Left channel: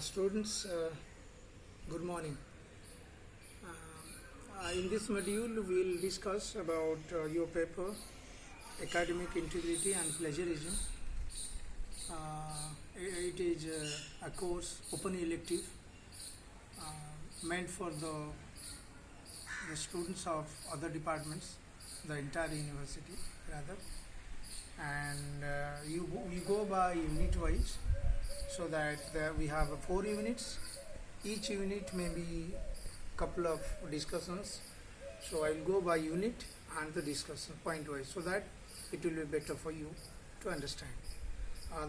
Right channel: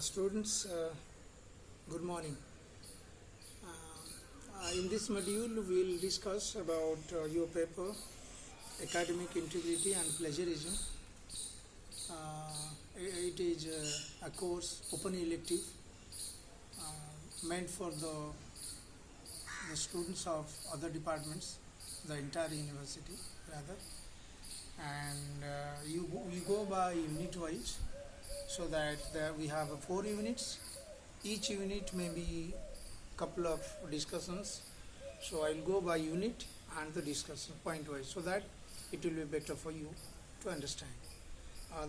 Students, good morning. In this module, we will discuss about your paper, Academic Integrity and Plagiarism. It is a course, open elective, meant for the students of other departments, the entire university rather. And we go by unit wise, so that we have 4 units. Each unit may be couple of discussions, so I'll go by unit and the discussion point wise, so that it will be better for you to understand.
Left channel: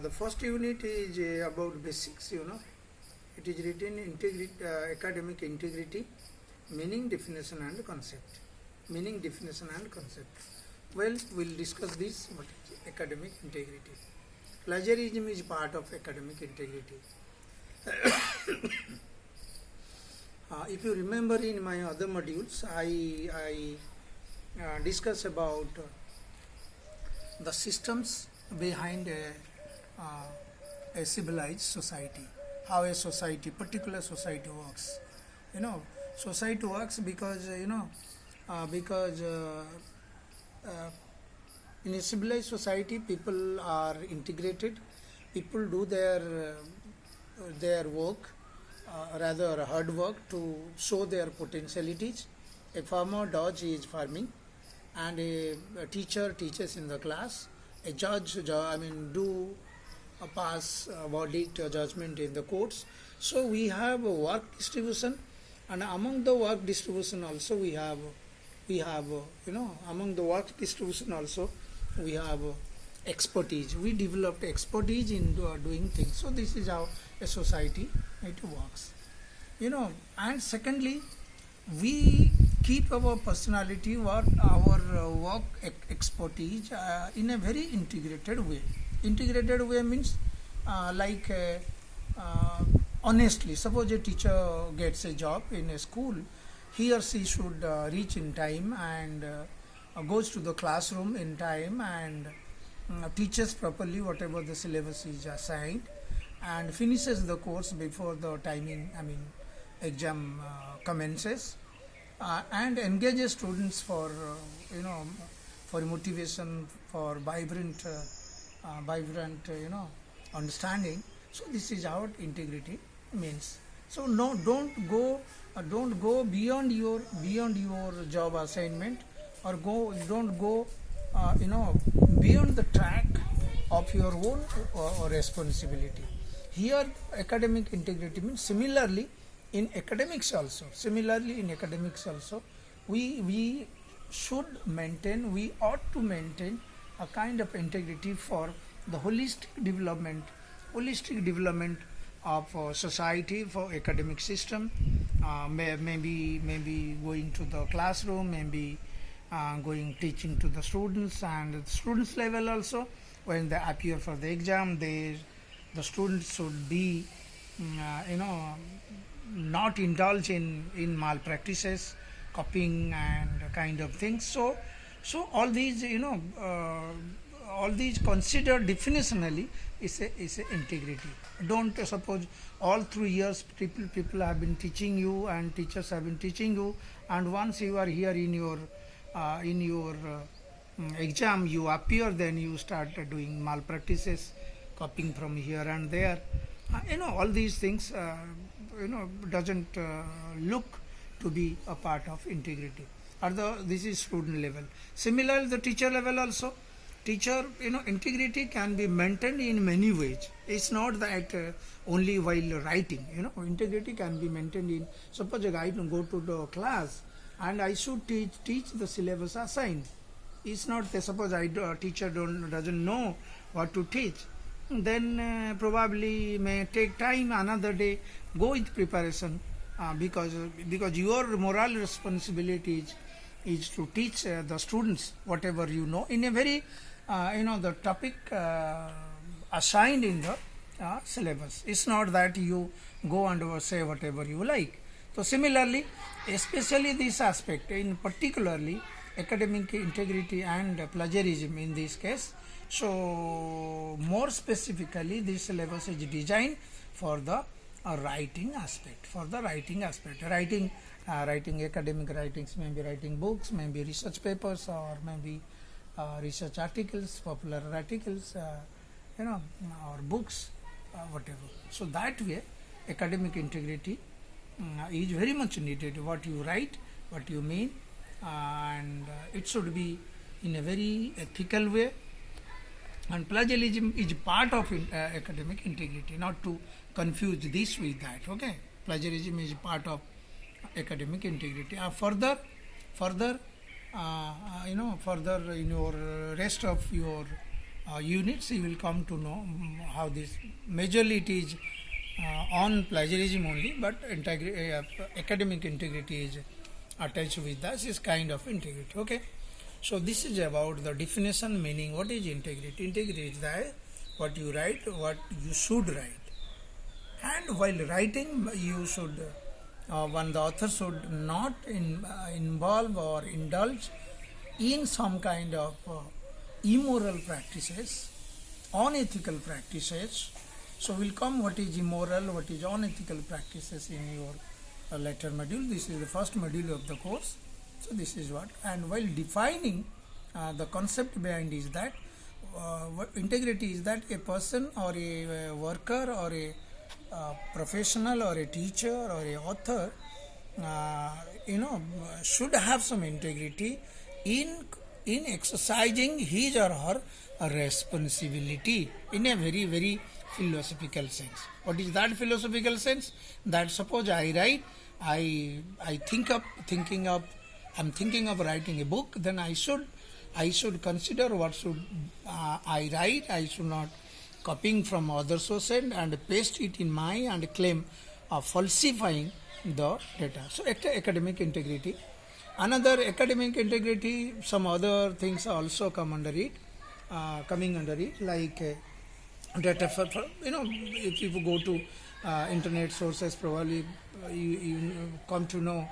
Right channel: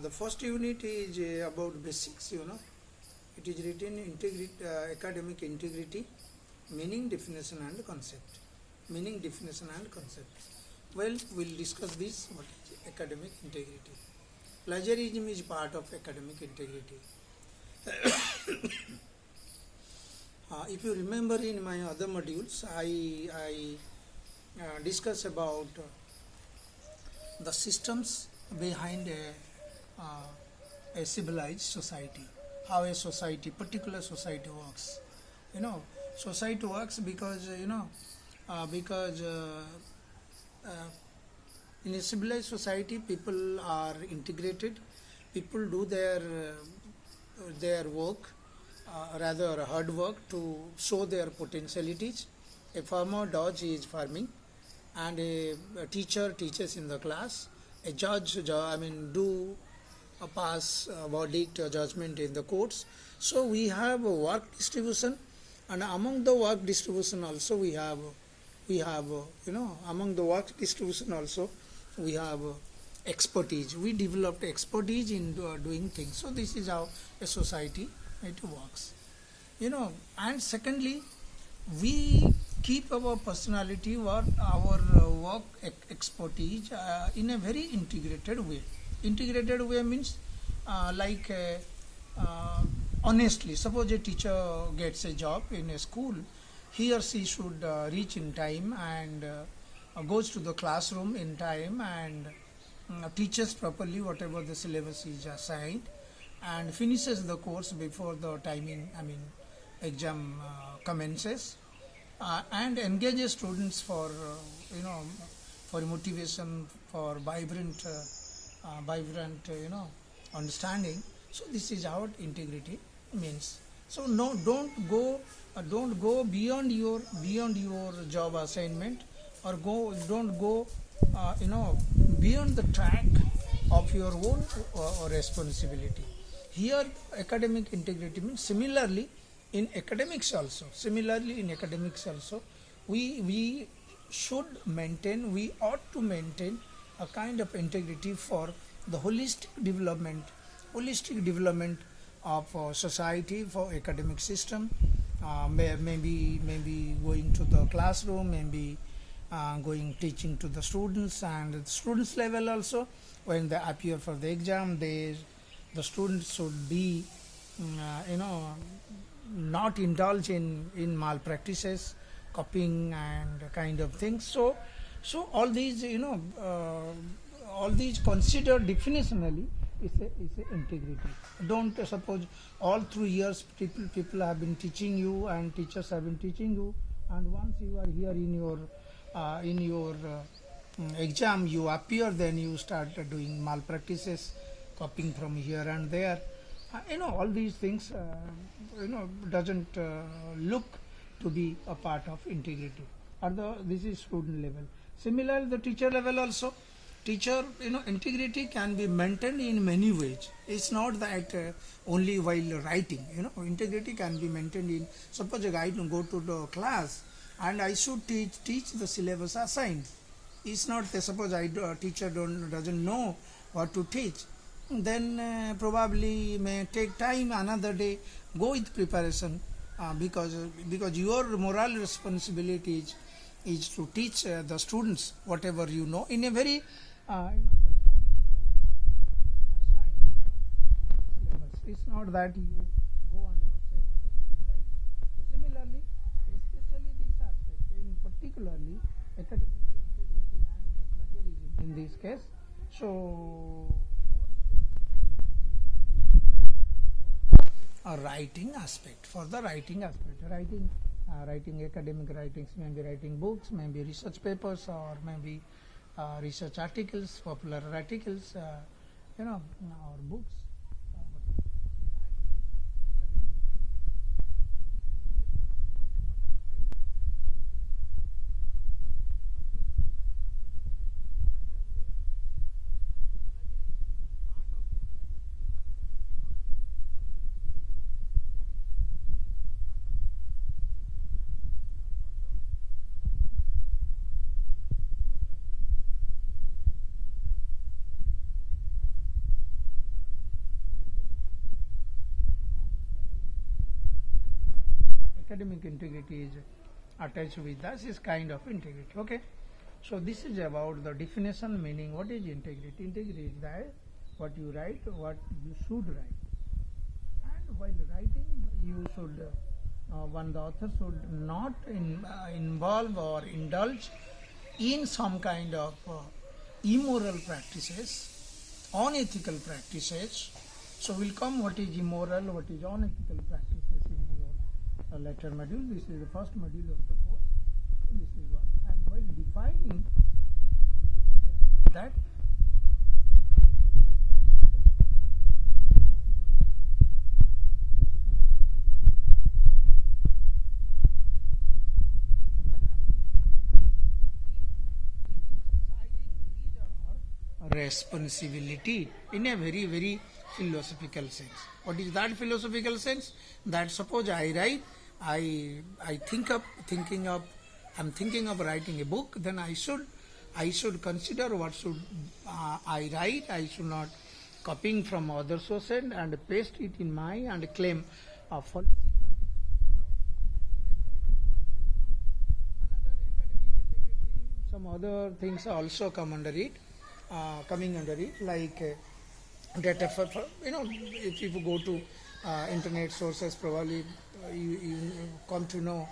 The first unit is about basics. It is written academic integrity, meaning, definition and concept. Meaning, definition and concept. Well, we'll discuss this. What is academic integrity? Plagiarism is part of academic integrity. If you remember, in my other modules, I discuss about the systems behind a civilized society, how a society, particular society works. Society works because in a civilized society, people are integrated. People do their work, rather hard work, to show their potentialities. A farmer does his farming, and a teacher teaches in the class. A judge, do pass verdict judgment in the courts. So we have a work distribution, and among the work distribution also we have among the work distribution also we have expertise. We developed expertise in doing things. So this is how a society it works. And secondly, we keep our personality or our work expertise in a very integrated way. Integrated way means honestly. Suppose a teacher gets a job in a school, he or she should reach in time and goes to the classroom in time and teaches properly whatever the syllabus is assigned, and finishes the course before the timing, exam commences, and engages students for motivation, for vibrant understanding. So this is how integrity means. So no, don't go beyond your job assignment, or don't go beyond the track of your own responsibility. Here, academic integrity means similarly in academics also, we ought to maintain a kind of integrity for the holistic development of society, for academic system. Maybe going to the classroom, maybe teaching to the students, and at students level also, when they appear for the exam, the students should be not indulge in malpractices, copying and kind of things. So all these considered definitionally is a integrity. Don't suppose all through years people have been teaching you and teachers have been teaching you, and once you are here in your exam, you appear, then you start doing malpractices, copying from here and there. All these things doesn't look to be a part of integrity. This is student level. Similarly, the teacher level also. Teacher, integrity can be maintained in many ways. It's not that only while writing. Integrity can be maintained in. Suppose I go to the class and I should teach the syllabus assigned. It's not that suppose teacher doesn't know what to teach. Then probably may take time, another day, go with preparation, because your moral responsibility is to teach the students whatever you know in a very the topic assigned in the syllabus. It's not that you go and say whatever you like. So similarly, especially this aspect, in particularly academic integrity and plagiarism in this case, So more specifically, this syllabus is designed for the writing aspect, for the writing aspect. Writing academic writings, maybe writing books, maybe research papers, or maybe research articles, popular articles, or books, whatever. So that way, academic integrity is very much needed. What you write, what you mean, and it should be in a very ethical way. And plagiarism is part of academic integrity, not to confuse this with that. Okay, plagiarism is part of academic integrity. Further, further in your rest of your units, you will come to know how this majorly it is on plagiarism only, but academic integrity is attached with this kind of integrity. Okay. So this is about the definition, meaning what is integrity. Integrity is that what you write, what you should write. And while writing, you should, one the author should not involve or indulge in some kind of immoral practices, unethical practices. So we'll come what is immoral, what is unethical practices in your later module. This is the first module of the course. So this is what, and while defining the concept behind is that what integrity is, that a person or a worker or a professional or a teacher or a author should have some integrity in exercising his or her responsibility in a very, very philosophical sense. What is that philosophical sense? That suppose I write, I'm thinking of writing a book, then I should consider what should I write. I should not copying from other sources and paste it in my and claim falsifying the data. So academic integrity. Another academic integrity, some other things also come under it, like data for if you go to internet sources, probably you come to know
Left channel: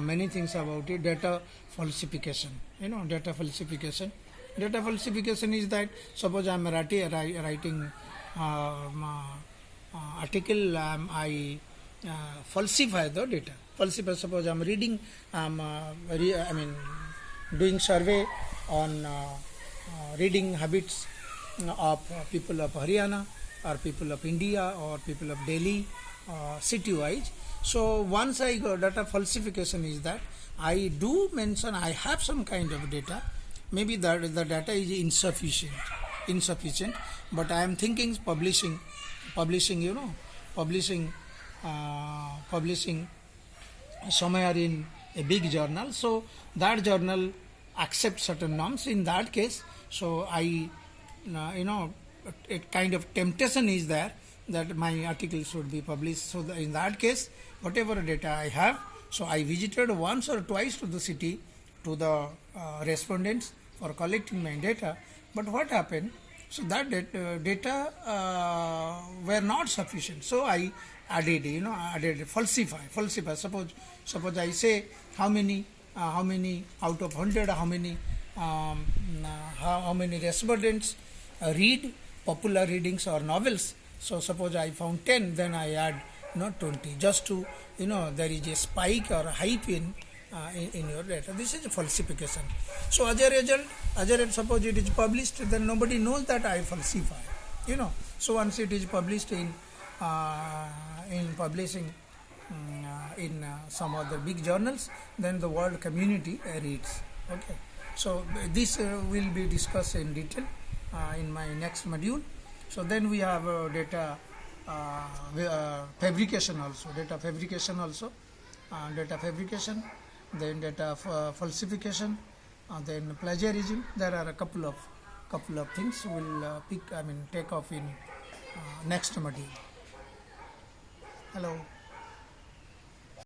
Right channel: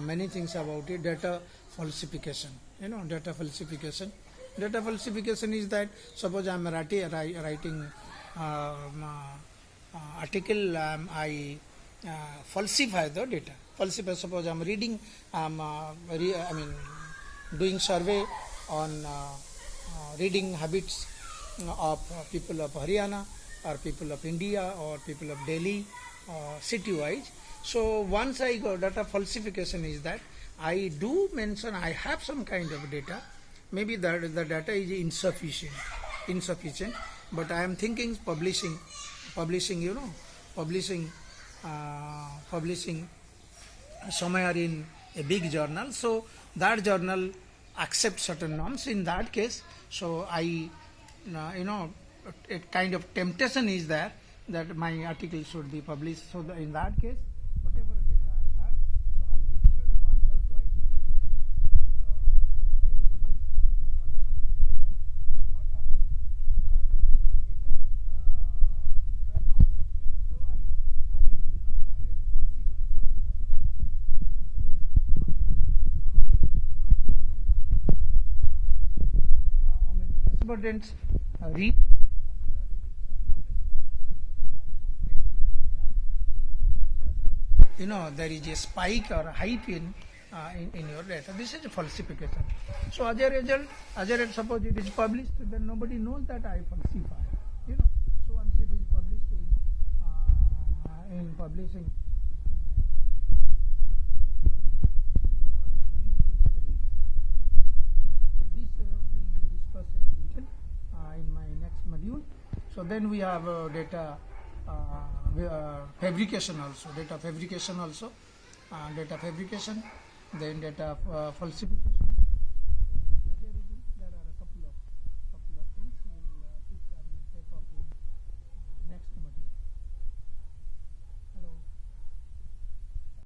many things about it. Data falsification. Data falsification. Data falsification is that suppose I am writing article, I falsify the data. Falsify. Suppose I am reading, doing survey on reading habits of people of Haryana or people of India or people of Delhi, city-wise. So once I go, data falsification is that I do mention I have some kind of data. Maybe that the data is insufficient, but I am thinking publishing somewhere in a big journal. So that journal accepts certain norms. In that case, so I, a kind of temptation is there that my article should be published. So in that case, whatever data I have, so I visited once or twice to the city, to the respondents for collecting my data. But what happened? So that data were not sufficient. So I added falsify. Suppose I say how many out of 100, how many respondents read popular readings or novels. So suppose I found 10, then I add 20, just to there is a spike or hype in your data. This is a falsification. So as a result, suppose it is published, then nobody knows that I falsify. So once it is published in publishing in some other big journals, then the world community reads. Okay. So this will be discussed in detail in my next module. So then we have data fabrication also, then data falsification, then plagiarism. There are a couple of things we'll take off in next module. Hello.